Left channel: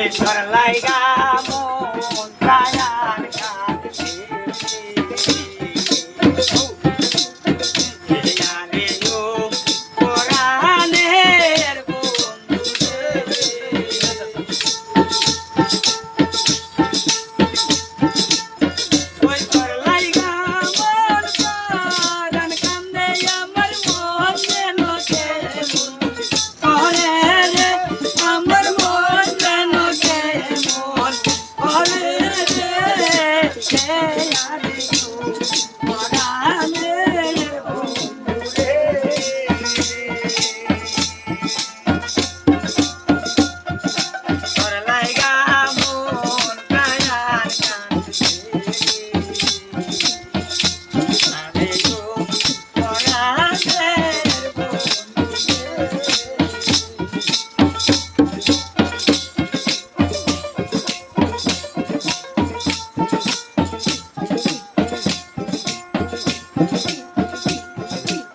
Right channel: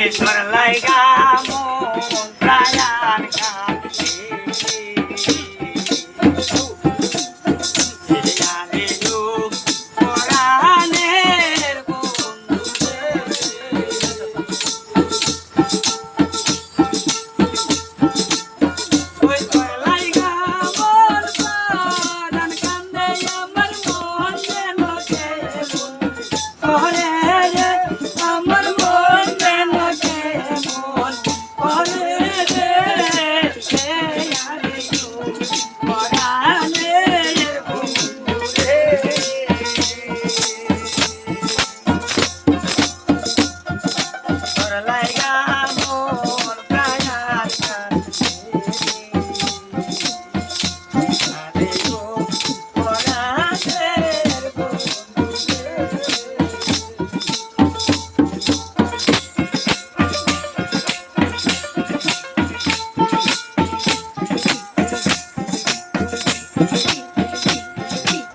ঈশ্বর লাইগা মন প্রাণ কাঁদে জানে যো পরাণের বন্ধু ওই তোর লাইগা মন প্রাণ কাঁদে আমার মন যেন কেমন করে আমার মন যেন কেমন করে সে আরে পরাণের বন্ধু রে তোর লাইগা মন প্রাণ কাঁদে আরে পরাণের বন্ধু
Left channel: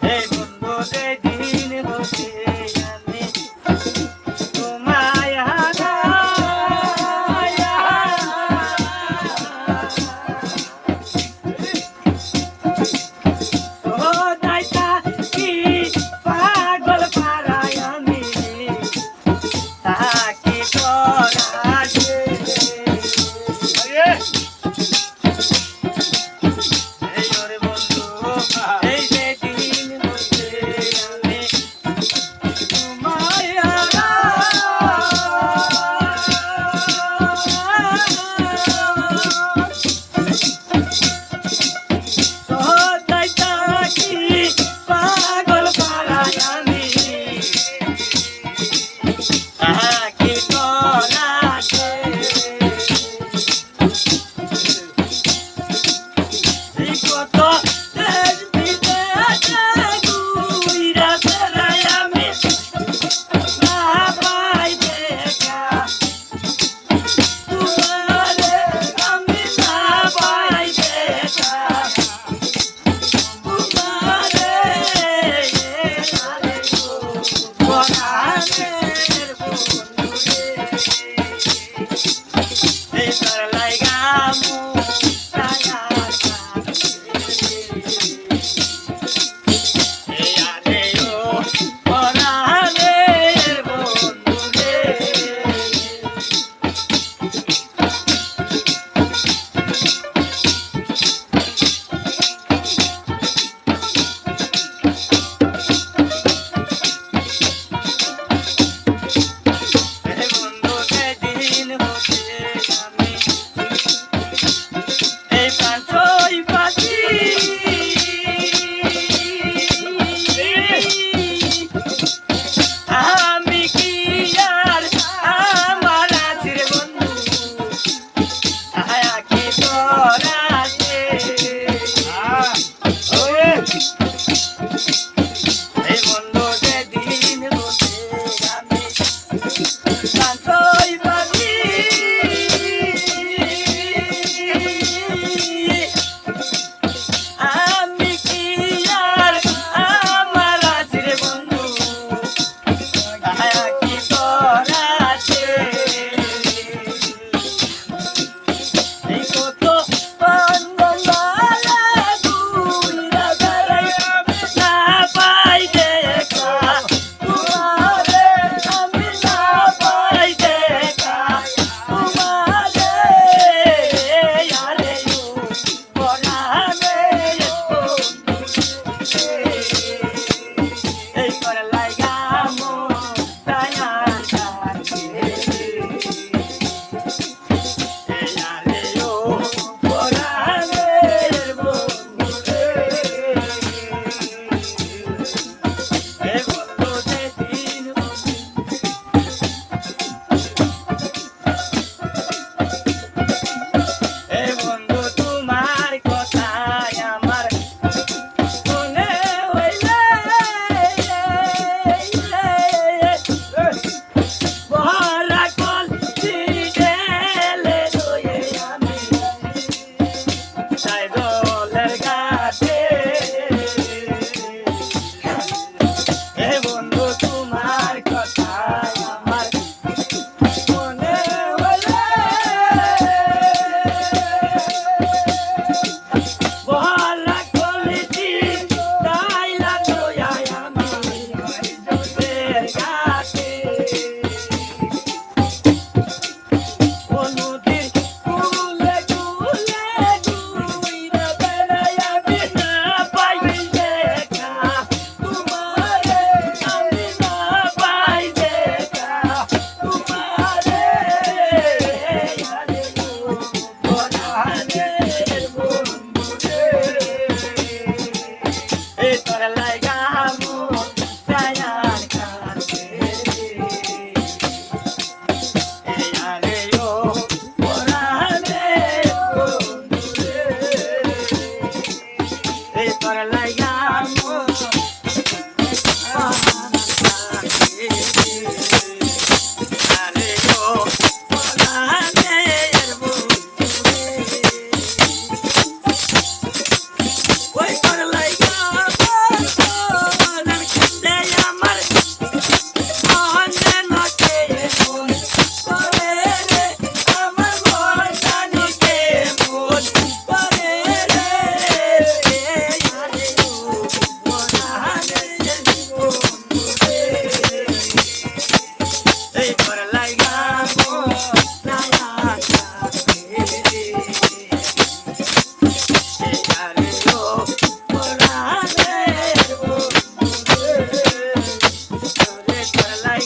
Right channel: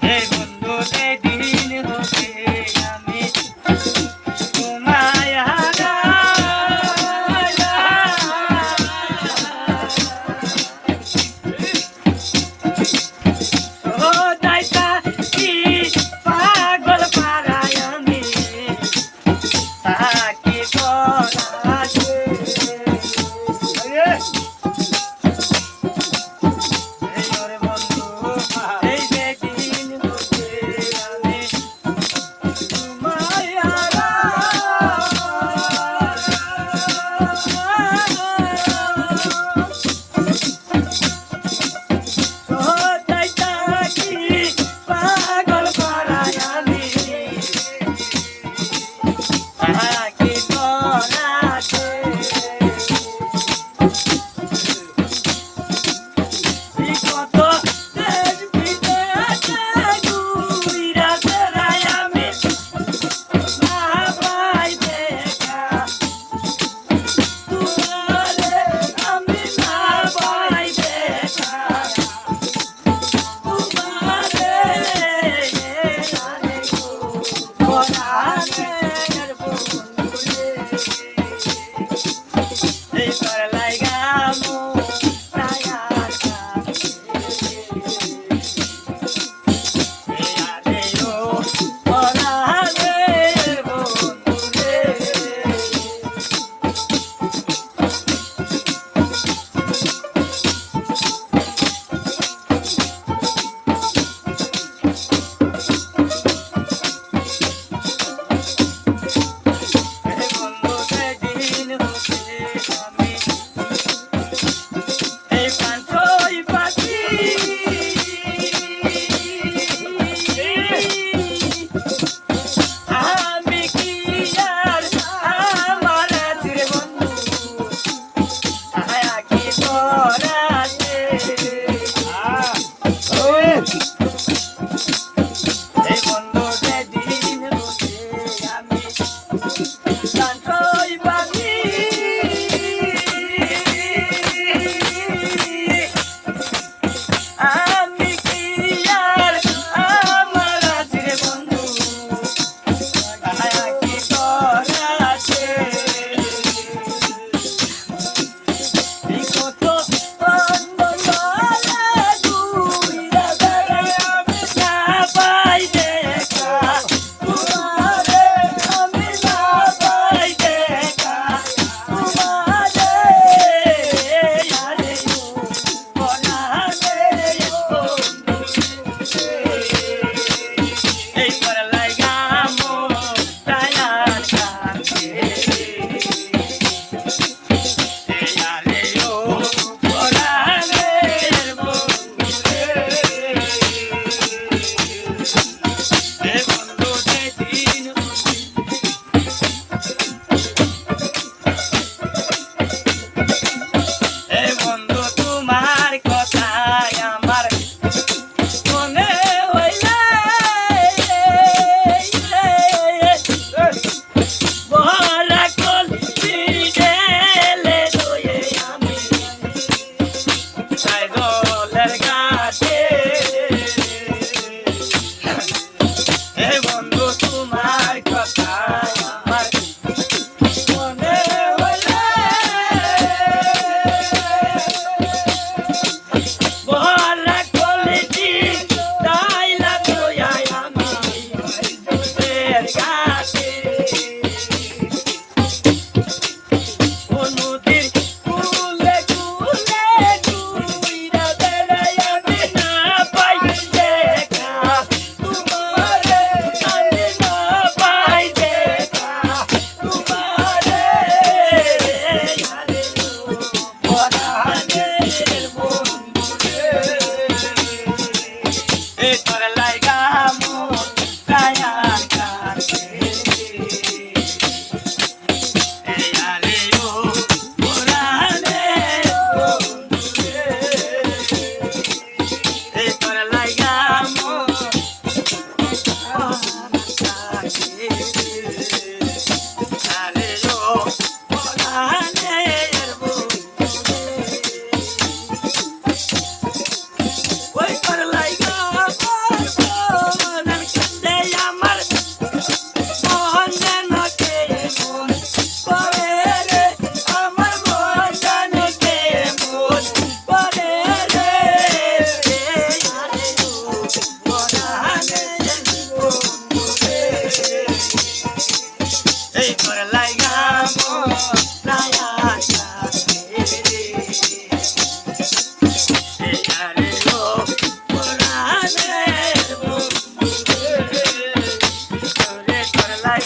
হে বন্ধু যেদিন হতে আমি তোমায় সোদাইতা কি পাগল পারায় আমি তাকে করাছে এই ওরে বন্ধু এই যেদিন হতে আমি তোমায় সোদাইতা কি পাগল পারায় আমি তাকে করাছে কত দেশ বিদেশে ঘুইরা বেড়াই আমি না পাই দেখা তোমারে আমি না পাই দেখা তোমারে আরে গো পরাণের বন্ধু রে এই তোর লাইগা মন প্রাণ কাঁদে এই আরে ও পরাণের বন্ধু রে হে বন্ধু যেদিন হতে আমি এই প্রান্তই পাখি আমি কি আর আমার আছে বন্ধু আয়া কি করাছে এই বন্ধু যেদিন হতে আমি প্রান্তই পাখি আমি কি আর আমার আছে বন্ধু আয়া কি করাছে এই কত পান্ডলা ঘুইরা বেড়াই আমি না পাই দেখা তোমারে আমি না পাই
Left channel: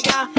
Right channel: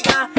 না